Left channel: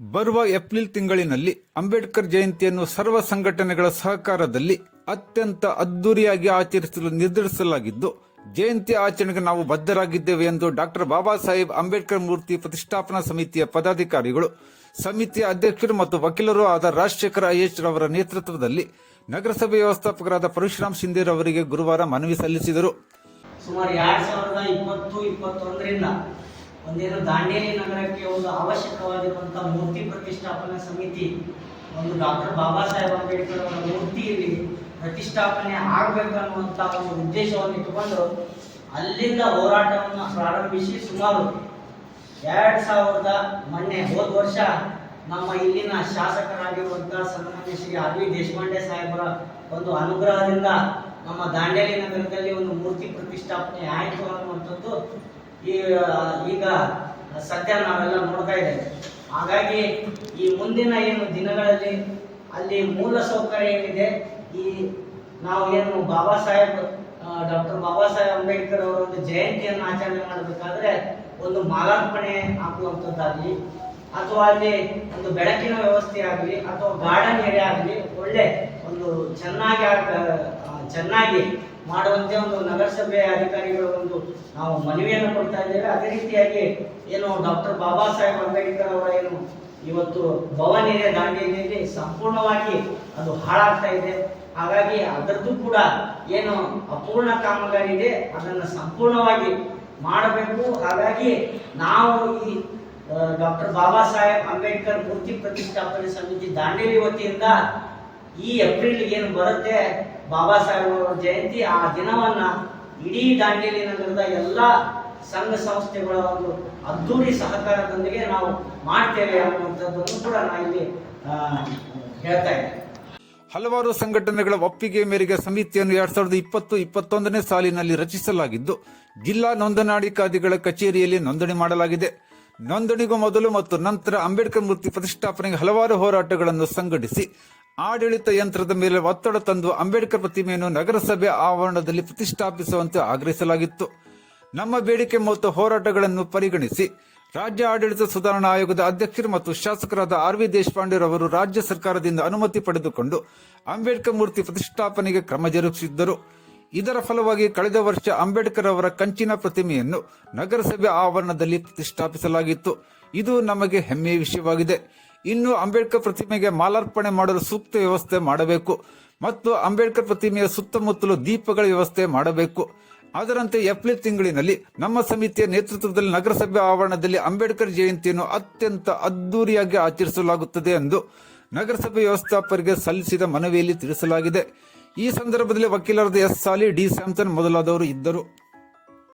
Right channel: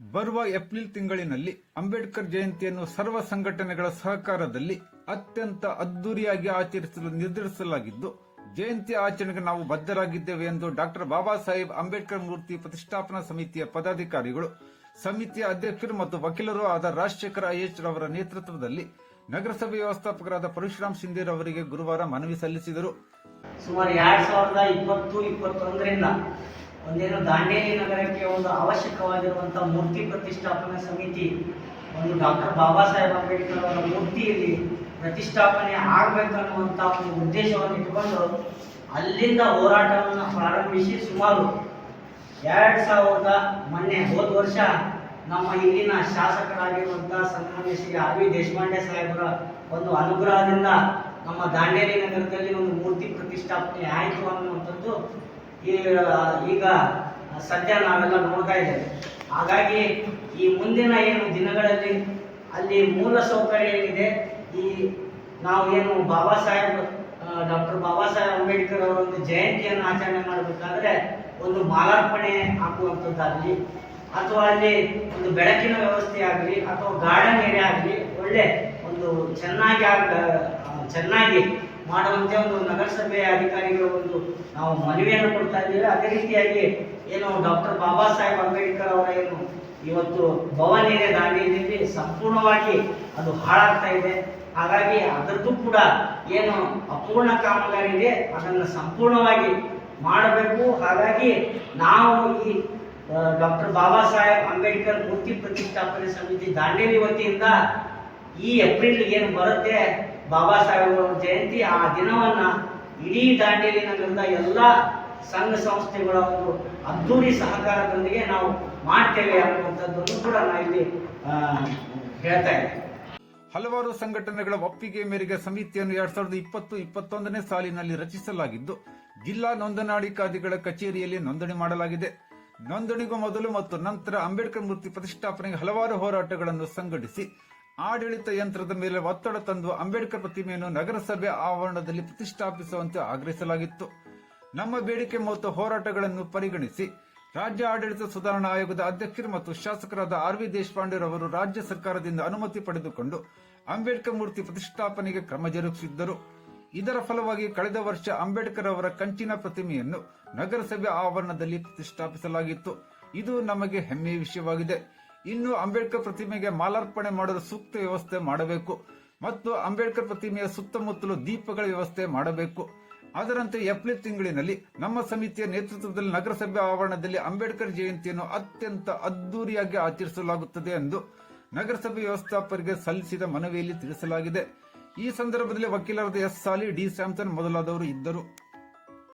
ಬರುವ ಏಪ್ರಿಲ್ ತಿಂಗಳಿನಲ್ಲಿ ಅಂಬೇಡ್ಕರ್ ಜಯಂತಿಯನ್ನು ಸರ್ವ ಸಂಘಟನೆಗಳ ಸಹಕಾರದಲ್ಲಿ ಅತ್ಯಂತ ಅದ್ದೂರಿಯಾಗಿ ಆಚರಿಸಲು ನಿರ್ಧರಿಸಲಾಗಿದ್ದು, ಜಯಂತಿ ಆಚರಣೆಗೆ ನಾವು ಬದ್ಧರಾಗಿದ್ದೇವೆ ಎಂದು ಡಾಕ್ಟರ್ ಬಾಬಾ ಸಾಹೇಬ್ ಅಂಬೇಡ್ಕರ್ ಮೂರ್ತಿ ಪ್ರತಿಷ್ಠಾಪನಾ ಸಮಿತಿಯ ಪದಾಧಿಕಾರಿಗಳು, ಸಮಿತಿಯ ಅಧ್ಯಕ್ಷರು ಮತ್ತು ವಕೀಲರು ಆದ ರಾಜಶೇಖರ ಐಎಚ್ ರವರ ನೇತೃತ್ವದಲ್ಲಿ ನಗರಸಭೆ ವ್ಯವಸ್ಥಾಪಕರಾದ ಪರಶುರಾಮ್ ಶಿಂದೇರ್ ಅವರಿಗೆ ಗುರುವಾರ ಮನವಿ ಸಲ್ಲಿಸಿದರು. ಸುಮಾರು ಎರಡ್ ಸಾವಿರದ ಇಪ್ಪತ್ತು, ಇಪ್ಪತ್ತೊಂದರಿಂದ ಒಂದೇನು ದಾಂಡೇಲಿ ನಗರಕ್ಕೆ ಒಂದು ಅವಶ್ಯಕವಾಗಿರುವಂತಹ ಮೂರ್ತಿ ಪ್ರತಿಷ್ಠಾಪನಾ ಸಮಿತಿ, ಒಂದು ಡಾಕ್ಟರ್ ಬಾಬಾ ಸಾಹೇಬ್ ಅಂಬೇಡ್ಕರ್ ಅವರ ಮೂರ್ತಿಯಲ್ಲಿ ಪ್ರತಿಷ್ಠಾಪನೆ ಆಗಬೇಕನ್ನುವಂಥ ಒಂದು ಉದ್ದೇಶವನ್ನು ಇಟ್ಟುಕೊಂಡು ಅಲ್ಲಿಂದ ಹೋರಾಟವನ್ನು ಪ್ರಾರಂಭಿಸಿ ಸುಮಾರು ಎರಡು ಸಾವಿರದ ಮೊನ್ನೆ ಹೋದ ವರ್ಷ ನಮ್ಮ ಇಲ್ಲಿನ ಶಾಸಕರಾಗಿರುವಂತಹ ಸನ್ಮಾನ್ಯ ಶ್ರೀ ಆರ್ ದೇಶಪಾಂಡೆ ಸಾಹೇಬರ ಒಂದು ಅನುಗ್ರಹದಿಂದ ನಮ್ಮ ದಾಂಡೇಲಿ ನಗರದಲ್ಲಿ ಒಂದು ಮೂರ್ತಿ ಪ್ರತಿಷ್ಠಾಪನೆ ಆಯಿತು ಅನ್ನುವಂಥದ್ದು ಈ- ಈಗ ಸದ್ಯ ನಾವೆಲ್ಲ ನೋಡ್ತಾ ಇದ್ದೇವೆ. ಹಾಗಾಗಿ ಈ ಮುಂದಿನ ಏನು ದಿನಗಳಲ್ಲಿ ಅಲ್ಲಿ ಮೂಲ ಸೌಕರ್ಯ ಏನಿದೆ, ಈ ನಾವು ಏನು ಬಾಬಾ ಸಾಹೇಬ್ ಡಾಕ್ಟರ್ ಬಾಬಾ ಸಾಹೇಬ್ ಅಂಬೇಡ್ಕರ್ ಅವರ ಒಂದು ಜಯಂತಿಯನ್ನು ಆಚರಣೆ ಮಾಡಬೇಕಾದ್ರೆ ಒಂದು ಮಾಲಾರ್ಪಣೆ ಹಾಕುವಂಥದ್ದಾಗಲಿ, ಅಥವಾ ಅಲ್ಲಿ ಒಂದು ಬೆಳಕಿನ ವ್ಯವಸ್ಥೆ ಆಗಲಿ, ಅಥವಾ ಗಾರ್ಡನ್ ಏರಿಯಾ ಆಗಲಿ, ಒಳ್ಳೆ ಒಂದು ಚೆನ್ನಾಗಿ ಚೆನ್ನಾಗಿ ಮಾಡುವಂತೆ ಒಂದು ನಗರಸಭೆ ಅಧಿಕಾರಿಗಳ ಒಂದು ನಾವು ಮನವಿಯನ್ನು ಕೊಡ್ತಾ ಇದ್ದೇವೆ. ಅದೇ ರೀತಿಯಾಗಿ ಏನು ಡಾಕ್ಟರ್ ಬಾಬಾ ಸಾಹೇಬ್ ಅಂಬೇಡ್ಕರ್ ಅವರ ಏನು ಇವತ್ತು ಭವನ ಇದೆ ದಾಂಡೇಲಿಯಲ್ಲಿ ಸಂಪೂರ್ಣವಾಗಿ ಅದು ಹಾಳಾಗ್ತಾ ಇದೆ. ಹಾಗಾಗಿ ಅದರದ್ದು ಕೂಡ ಏನು ಅಪೂರ್ಣ ಕಾಮಗಾರಿ ಇದೆ ಅದನ್ನು ಸಂಪೂರ್ಣವಾಗಿ ಮಾಡಬೇಕು. ಹಾಗಾಗಿ ನಾವು ಈ ಡಾಕ್ಟರ್ ಬಾಬಾ ಸಾಹೇಬ್ ಅಂಬೇಡ್ಕರ್ ಮೂರ್ತಿ ಪ್ರತಿಷ್ಠಾಪನೆ ಸಮಿತಿ ದಾಂಡೇಲಿ ವತಿಯಿಂದ ಈ ಏಪ್ರಿಲ್ ಏನು ಬರುತ್ತೆ ಬಾಬಾ ಸಾಹೇಬ್ ಅವರ ಜಯಂತಿ ಆ ದಿನವನ್ನ ಇಡೀ ದಾಂಡೇಲಿ ನಗರದ ಎಲ್ಲ ಸಂಘ ಸಂಸ್ಥೆಗಳ ಒಂದು ಅದ್ದೂರಿ ಸಹಕಾರದೊಂದಿಗೆ ನಾವು ಮಾಡ್ತೇವೆ ಅನ್ನುವಂಥದ್ದನ್ನು ಕೂಡ ನಾ ಇಲ್ಲಿ ಹೇಳ್ತಾ ಇದ್ದೇನೆ. ಹಲವಾರು ಸಂಘಟನೆಗಳ ಒಪ್ಪಿಗೆ ಮೇರೆಗೆ ಸಮಿತಿಯನ್ನು ಎರಡ್ ಸಾವಿರದ ಇಪ್ಪತ್ತು, ಇಪ್ಪತ್ತೊಂದನೇ ಸಾಲಿನಲ್ಲಿ ರಚಿಸಲಾಗಿದ್ದು, ಜಿಲ್ಲಾ ನೋಂದಣಾಧಿಕಾರಿಗಳ ಕಚೇರಿಯಲ್ಲಿ ನೋಂದಣಿ ಮಾಡಲಾಗಿದೆ. ನೋಂದಣಿಗೂ ಮೊದಲು ಮತ್ತು ನಂತರ ಅಂಬೇಡ್ಕರ್ ಮೂರ್ತಿ ಪ್ರತಿಷ್ಠಾಪನೆಗೆ ಹಲವಾರು ಹೋರಾಟಗಳನ್ನು ಸಂಘಟಿಸಿ ಆಡಳಿತ ಯಂತ್ರದ ಮೇಲೆ ಒತ್ತಡ ತಂದು ಅಂಬೇಡ್ಕರ್ ಪ್ರತಿಮೆಯನ್ನು ನಗರಸಭೆ ಆವರಣದಲ್ಲಿ ಪ್ರತಿಷ್ಠಾಪಿಸುವಂತೆ ಆಗ್ರಹಿಸಲಾಗಿತ್ತು. ನಮ್ಮ ಬೇಡಿಕೆ ಮತ್ತು ಹೋರಾಟಗಳನ್ನು ಪರಿಗಣಿಸಿ ರಾಜ್ಯ ಆಡಳಿತ ಸುಧಾರಣಾ ಆಯೋಗದ ಅಧ್ಯಕ್ಷರು ಮತ್ತು ಶಾಸಕರಾದ ಆರ್ ವಿ ದೇಶಪಾಂಡೆ ಅವರು ರಾಜ್ಯ ಸರ್ಕಾರದಿಂದ ಅನುಮತಿ ಪಡೆದುಕೊಂಡು ಅಂಬೇಡ್ಕರ್ ಮೂರ್ತಿ ಪ್ರತಿಷ್ಠಾಪನೆಗೆ ಕ್ರಮ ಜರುಗಿಸಿದ್ದರು. ಇದರ ಫಲವಾಗಿ ಕಳೆದ ವರ್ಷ ಅಂಬೇಡ್ಕರ್ ಅವರ ಕಂಚಿನ ಪ್ರತಿಮೆಯನ್ನು ನಗರಸಭೆ ಆವರಣದಲ್ಲಿ ಪ್ರತಿಷ್ಠಾಪಿಸಲಾಗಿತ್ತು. ಇದು ನಮಗೆ ಹೆಮ್ಮೆಯ ವಿಷಯವಾಗಿದೆ. ಇನ್ನು ಅಂಬೇಡ್ಕರ್ ಪ್ರತಿಮೆಗೆ ಮಾಲಾರ್ಪಣೆ ಮಾಡಲು ಸೂಕ್ತ ವ್ಯವಸ್ಥೆ ಮಾಡಬೇಕು. ಮತ್ತು ಅಂಬೇಡ್ಕರ್ ಪ್ರತಿಮೆಯ ಸುತ್ತಮುತ್ತಲು ದೀಪಗಳ ವ್ಯವಸ್ಥೆ ಮಾಡಬೇಕು. ಅದರಂತೆ ಏಪ್ರಿಲ್ ತಿಂಗಳಿನಲ್ಲಿ ನಮ್ಮ ಸಮಿತಿಯ ನೇತೃತ್ವದಲ್ಲಿ ನಗರಸಭೆ ಆವರಣದಲ್ಲಿ ಅಂಬೇಡ್ಕರ್ ಜಯಂತಿಯನ್ನು ಅತ್ಯಂತ ಅದ್ದೂರಿಯಾಗಿ ಆಚರಿಸಲಾಗುತ್ತದೆ ಎಂದು ನಗರಸಭೆ ವ್ಯವಸ್ಥಾಪಕರಿಗೆ ಸಲ್ಲಿಸಿದ ಮನವಿಯಲ್ಲಿ ತಿಳಿಸಲಾಗಿದೆ. ಈ ಸಂದರ್ಭದಲ್ಲಿ ವಕೀಲರಾದ ಎಸ್ ಸಾಲಿ ಡಿ ಸ್ಯಾಮ್ಸನ್ ಮೊದಲಾದವರು ಇದ್ದರು.